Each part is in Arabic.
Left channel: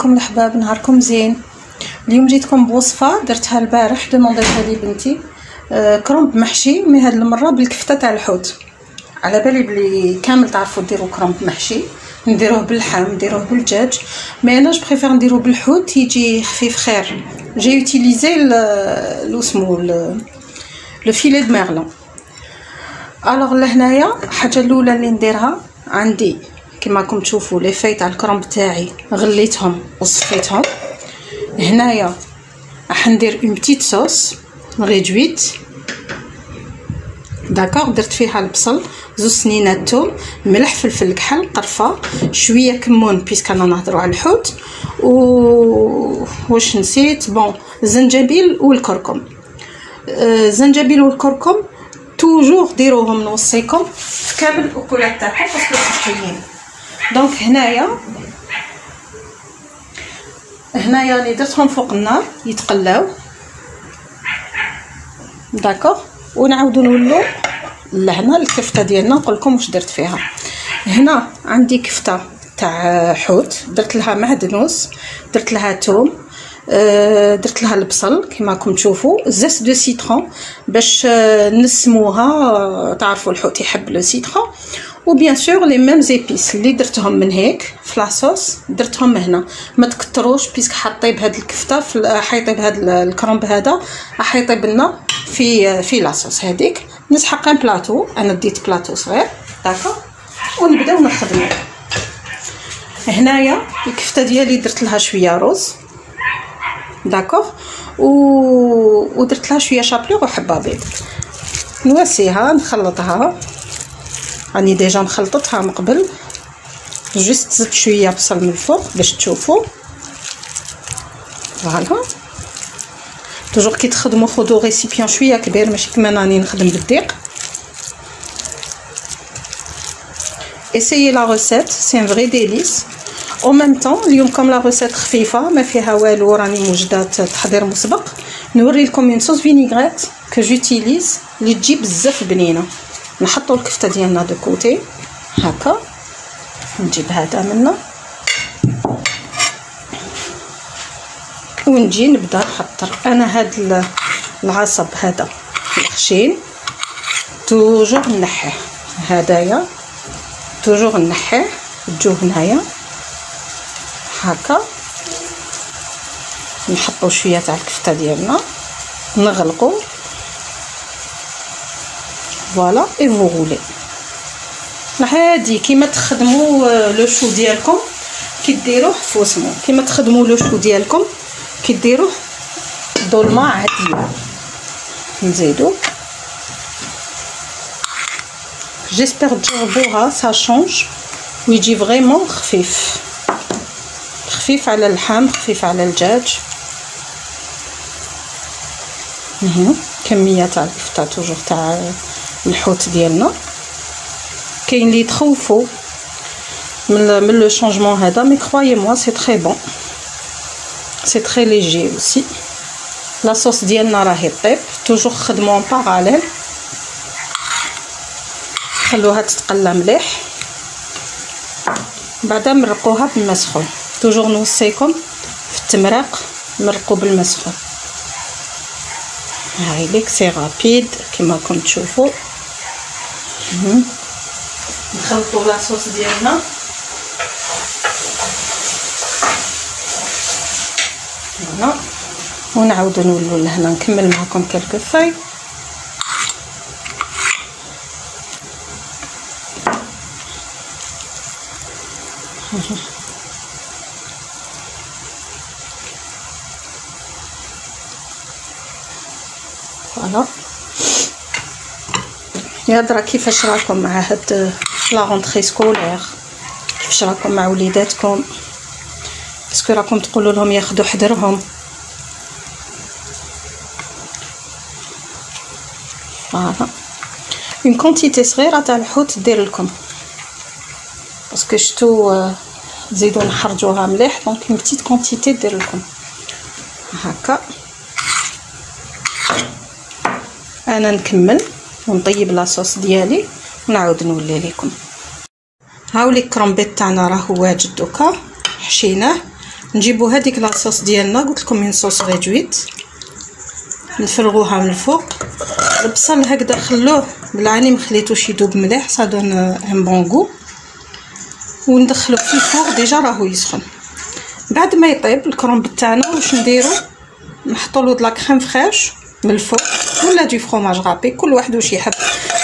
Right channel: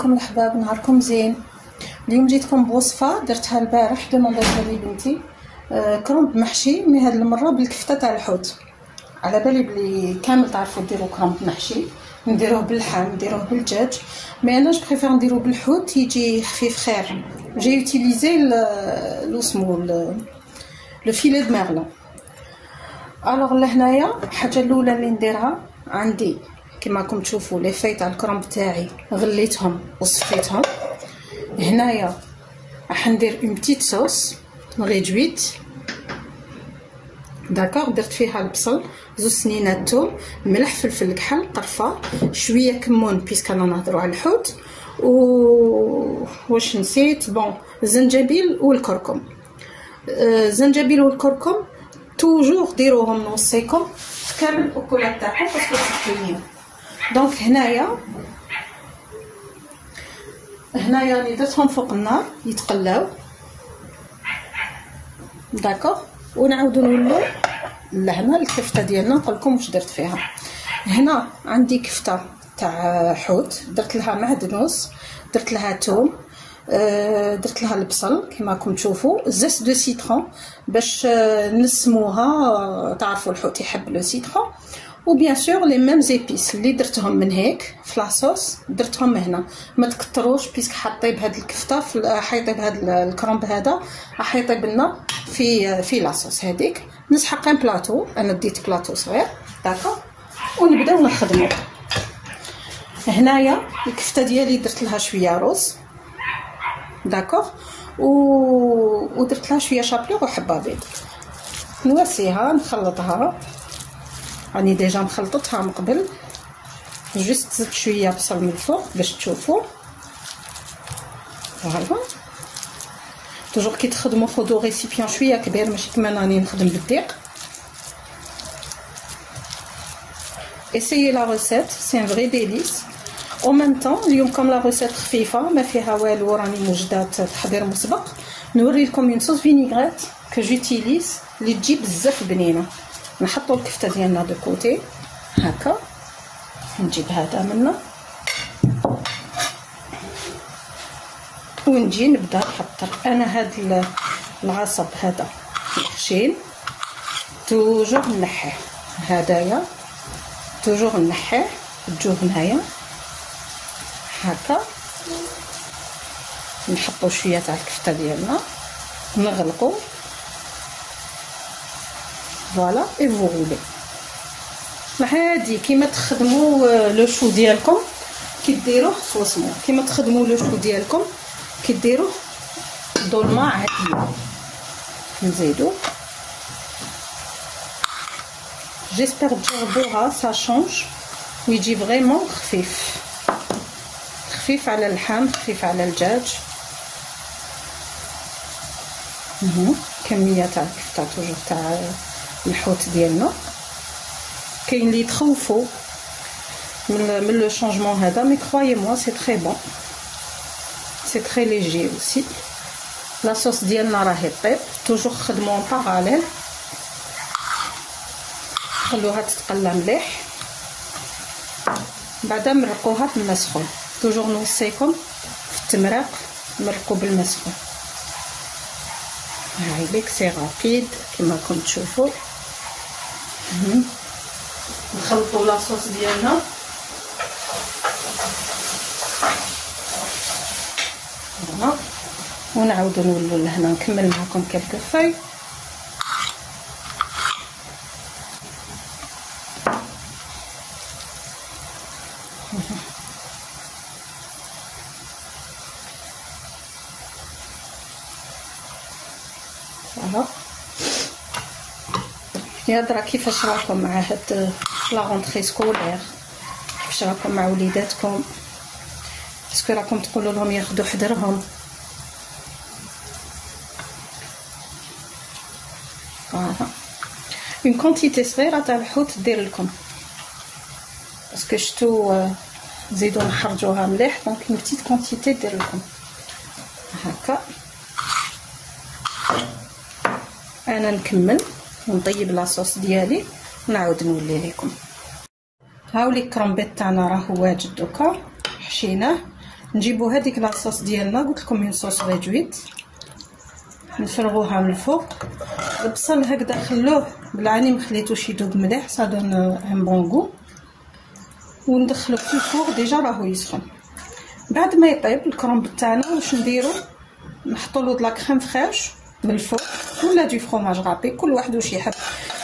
عليكم الحباب، نهاركم زين. اليوم جيتكم بوصفه درتها البارح، دومونديتها لي بنتي. كرومب محشي، مي هاد المره بالكفته تاع الحوت. على بالي بلي كامل تعرفوا ديروا كرومب محشي، نديروه باللحم نديروه بالدجاج، مي انا جو بريفير نديرو بالحوت، يجي خفيف خير. جي يوتيليزي لو سمو لو فيلي دو ميرلون. الوغ لهنايا الحاجه الاولى اللي نديرها، عندي كما راكم تشوفوا لي في تاع الكرومب تاعي غليتهم وصفيتهم. هنايا راح ندير اون بتيت صوص ريدويت، داكوغ. درت فيها البصل، زوج سنينات توم، ملح، فلفل كحل، قرفه، شويه كمون بيسك انا نهضروا على الحوت، واش نسيت، بون الزنجبيل والكركم. الزنجبيل والكركم توجور ديروهم نوصيكم في كامل الاكلات تاعكم باسكو صحيين. دونك هنايا راني درتهم فوق النار يتقلاو، داكوغ. ونعاودو نولو لهنا الكفته ديالنا، نقول لكم واش درت فيها. هنا عندي كفته تاع حوت، درت لها معدنوس، درت لها توم، درت لها البصل كما راكم تشوفوا، زيت دو سيترون باش نسموها، تعرفوا الحوت يحب لو سيترون، وبيان سور لي ميم زيبيس اللي درتهم من هيك في لاصوص درتهم هنا. ما تكتروش بيسك حطيب هاد الكفته حيطيب هاد الكرومب هذا راح يطيب لنا في لاصوص هذيك. نسحق ان بلاطو، انا ديت بلاطو صغير، داكو، ونبداو نخدمو. هنايا الكفته ديالي درت لها شويه روز، داكوغ، ودرت لها شويه شابلور وحبه بيض. نواسيها نخلطها، راني ديجا مخلطتها من قبل، جوست زدت شويه بصل من الفوق باش تشوفوا. فوالا، توجور كي تخدموا خذوا ريسيبيون شويه كبير، ماشي كما راني نخدم بالدقيق. essayez la recette, c'est un vrai délice. en même temps اليوم كم لا روسيت خفيفه ما فيها والو، راني موجده تحضير مسبق. نوري لكم اون صوص فينيغريت كو جوتيليز اللي تجي بزاف بنينه. نحطوا الكفته ديالنا دو كوتي هكا، نجيب هذا منا ونجي نبدا نحضر. انا هاد العصب هذا الخشين توجور نحيه، هدايا توجور نحيه تجوه هنايا هكا. نحطوا شويه تاع الكفته ديالنا، نغلقوا، فوالا اي فو غولي. عادي كيما تخدموا لو شو ديالكم كي ديروه فوسمو، كيما تخدموا لو شو ديالكم كي ديروه ظلمه عاديه. نزيدو، جيسبر تجربوها، سا شونج ويجي فريمون خفيف، خفيف على اللحم، خفيف على الدجاج. كميه تاع الكفته توجور تاع الحوت ديالنا. كاين اللي يتخوفوا من لو شونجمون هذا، مي كرويي موا سي تري بون، سي تري ليجي اوسي. لا صوص ديالنا راهي طيب، توجور خدموا ان باراليل، خلوها تتقلى مليح، بعدا مرقوها بالماء سخون. توجور نوصيكم في التمراق مرقوا بالماء سخون. هاي ليك سي رابيد كيما راكم تشوفوا. نخلطوا لاصوص ديالنا، هنا ونعاودو نولو لهنا نكمل معكم كلكو فاي. فوالا، يا درا كيفاش راكم مع هاد لا رونطري سكولير؟ كيفاش راكم مع وليداتكم؟ اسكو راكم تقولوا لهم ياخذوا حذرهم؟ فوالا، اون كونتيتي صغيره تاع الحوت دير لكم، باسكو شتو نزيدو نحرجوها مليح، دونك اون بتيت كونتيتي دير لكم هكا. انا نكمل ونطيب لاصوص ديالي ونعاود نولي لكم. هاولي الكرومبيط تاعنا راه واجد دوكا، حشيناه نجيبوا هذيك لاصوص ديالنا، قلت لكم من صوص ريدويت، نفرغوها من الفوق. البصل هكذا خلوه بالعاني، ما خليتوش يذوب مليح، صا دون ان بون غو. وندخلوه في الفوق، ديجا راهو يسخن. بعد ما يطيب الكرومب تاعنا واش نديرو؟ نحطوا له د لا كريم فريش من الفوق ولا دو فروماج غابي، كل واحد واش يحب.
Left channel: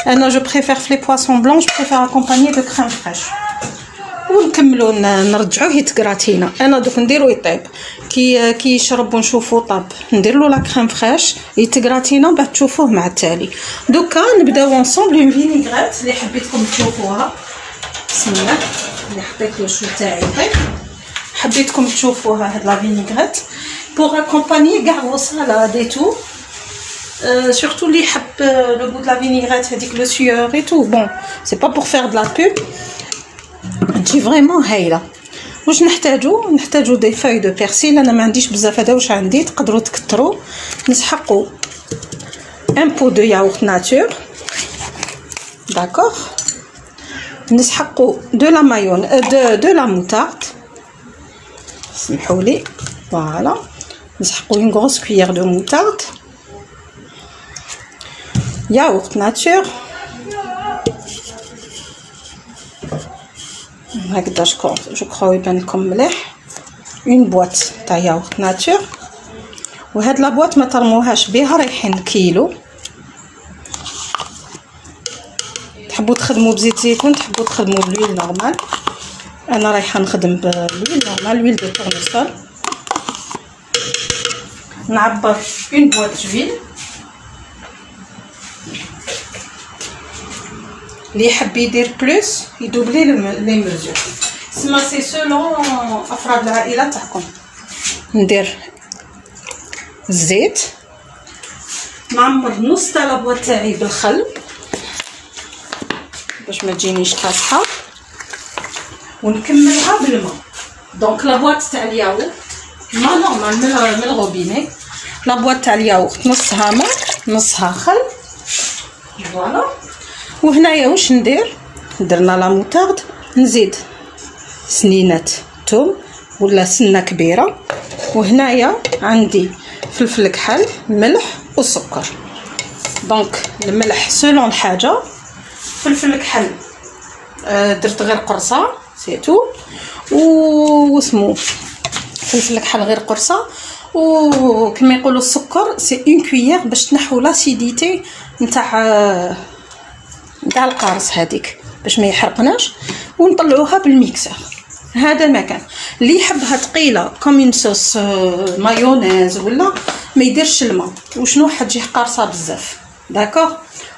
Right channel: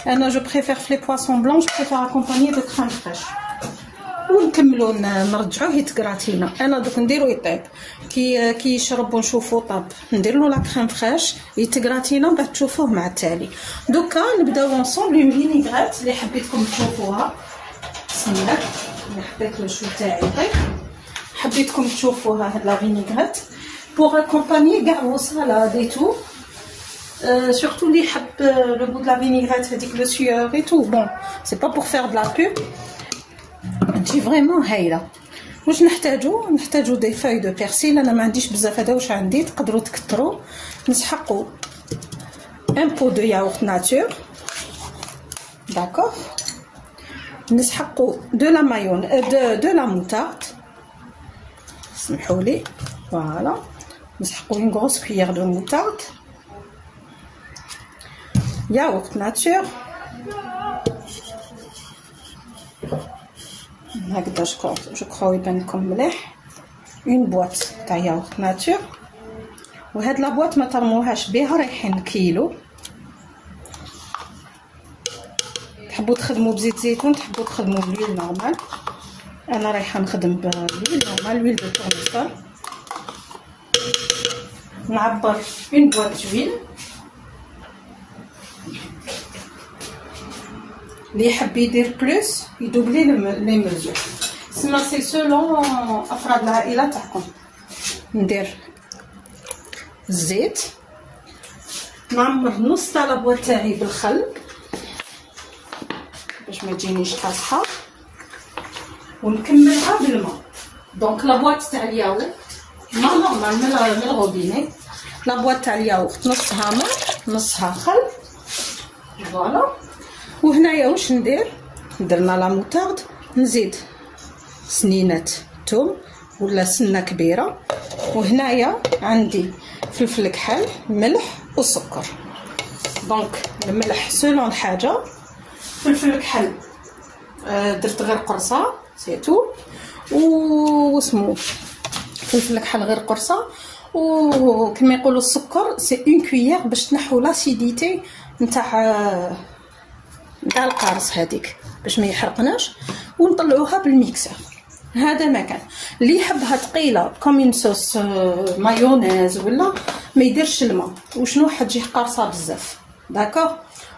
انا جو بريفير في لي بواسون بلون جو بريفير اكومباني دو كريم فريش. ونكملوا نرجعوه يتكراتينا. انا دوك نديرو يطيب كي يشرب ونشوفو طاب، ندير له لا كريم فريش يتكراتينا، بعد تشوفوه مع التالي. دوكا نبداو اونصومبل اون فينيغريت اللي حبيتكم تشوفوها. بسم الله، اللي حطيت له شو تاعي يطيب، حبيتكم تشوفوها هاد لا فينيغريت بوغ اكومباني كاع فو سالاد اي تو. surtout اللي يحب لو غو د لا فينيغريت هذيك لو سيور اي تو. بون سي با بوغ فير د لا بوب، تجي فريمون هايله. واش نحتاجو دي فاي دو بيرسيل. انا ما عنديش بزاف، هذا واش عندي، تقدروا تكثروا. نسحقوا ان بو دو ياغورت ناتور، داكوغ. نسحقوا دو لا مايون دو لا موتارد، سمحوا لي، فوالا. نسحقوا اون غروس كويير دو موتارد، ياغورت ناتور هكذا. جو كرو يبان لكم مليح. اون بواط تاع ياغورت ناتور، وهاد لا بواط ما ترموهاش بها، رايحين كيلو. تحبوا تخدموا بزيت زيتون، تحبوا تخدموا بلويل نورمال. انا رايحه نخدم بلويل نورمال، لويل دو تورنيسول. نعبر اون بواط جويل. اللي يحب يدير بلوس يدوبلي لي ميزور، سما سي سولون افراد العائله تاعكم. ندير الزيت، نعمر نص تاع لابواط تاعي بالخل باش ما تجينيش كاسحه، ونكملها بالماء. دونك لابواط تاع الياغورت ما نورمال من الروبيني، لابواط تاع الياغورت نصها ماء نصها خل، فوالا. وهنايا واش ندير؟ درنا لا موتارد، نزيد سنينات توم ولا سنه كبيره، وهنايا عندي فلفل كحل، ملح وسكر. دونك الملح سولون الحاجه، فلفل كحل درت غير قرصه سيتو، واسمو فلفل كحل غير قرصه، وكما يقولوا السكر سي اون كويير باش تنحو لاسيديتي نتاع القارص هذيك باش ما يحرقناش، ونطلعوها بالميكسر. هذا مكان اللي يحبها ثقيله كوم صوص مايونيز ولا ما يديرش الماء، وشنو حتجي قارصه بزاف. داكوغ،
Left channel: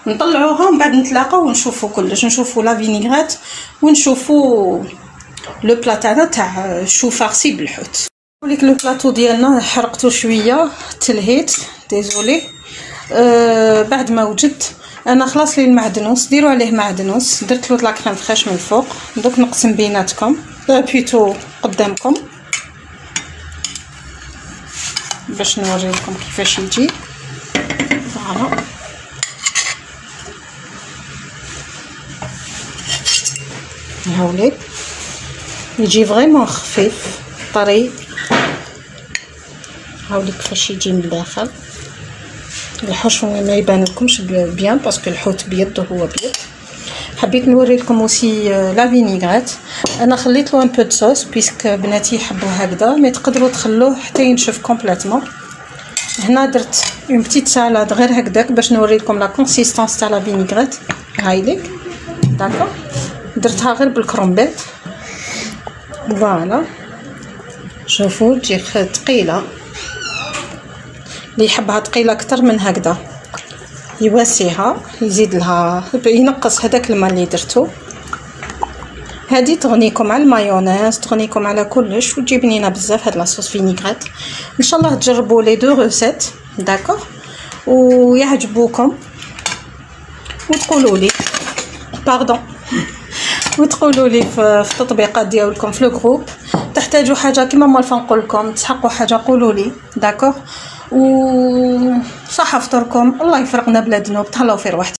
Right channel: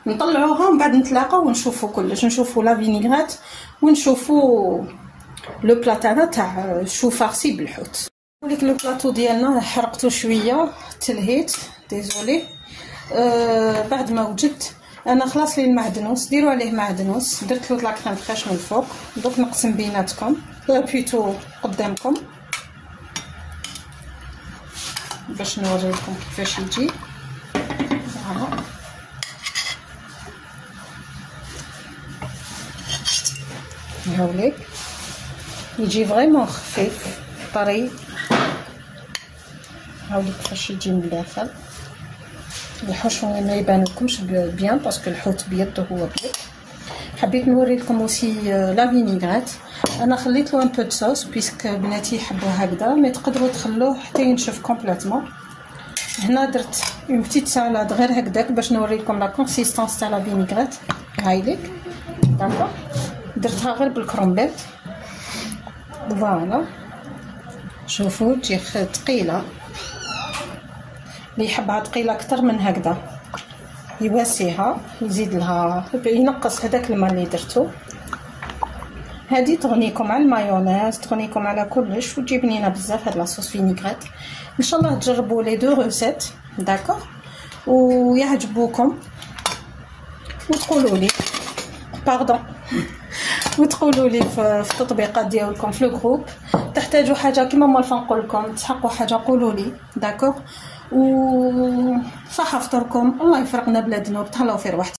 نطلعوها ومن بعد نتلاقاو ونشوفوا كلش، نشوفوا لا فينيغريت ونشوفوا لو بلا تاعنا تاع شو فارسي بالحوت. نقولك لو بلاطو ديالنا حرقته شويه، تلهيت ديزولي. بعد ما وجدت انا خلاص لي المعدنوس، ديروا عليه معدنوس، درت له لا كريم فريش من الفوق. دوك نقسم بيناتكم بيتو قدامكم باش نوريكم كيفاش يجي. فوالا، هاولي يجي فريمون خفيف طري. هاولي كيفاش يجي من الداخل. الحشو ما يبان لكمش بيان باسكو الحوت بيض وهو بيض. حبيت نوري لكم اوسي لا فينيغريت. انا خليت له ان بو د صوص بيسك بناتي يحبوا هكذا، مي تقدروا تخلوه حتى ينشف كومبليتمون. هنا درت اون بتيت سالاد غير هكذاك باش نوري لكم لا كونسيستانس تاع لا فينيغريت. هايليك داكور، درتها غير بالكرومبيت. فوالا شوفوا تجي ثقيله، اللي يحبها ثقيله اكثر من هكذا يواسيها، يزيد لها ينقص هذاك الماء اللي درتو. هذه تغنيكم على المايونيز، تغنيكم على كلش، وتجي بنينه بزاف هاد لاصوص فينيغريت. ان شاء الله تجربوا لي دو روسيت داكور ويعجبوكم، وتقولوا لي باردون وتقولوا لي في التطبيقات ديالكم في لو جروب. تحتاجوا حاجه كيما ما نقول لكم، تحقوا حاجه قولوا لي داكور. و صحه فطوركم، الله يفرقنا بلادنا وتهلاو في رواحتكم.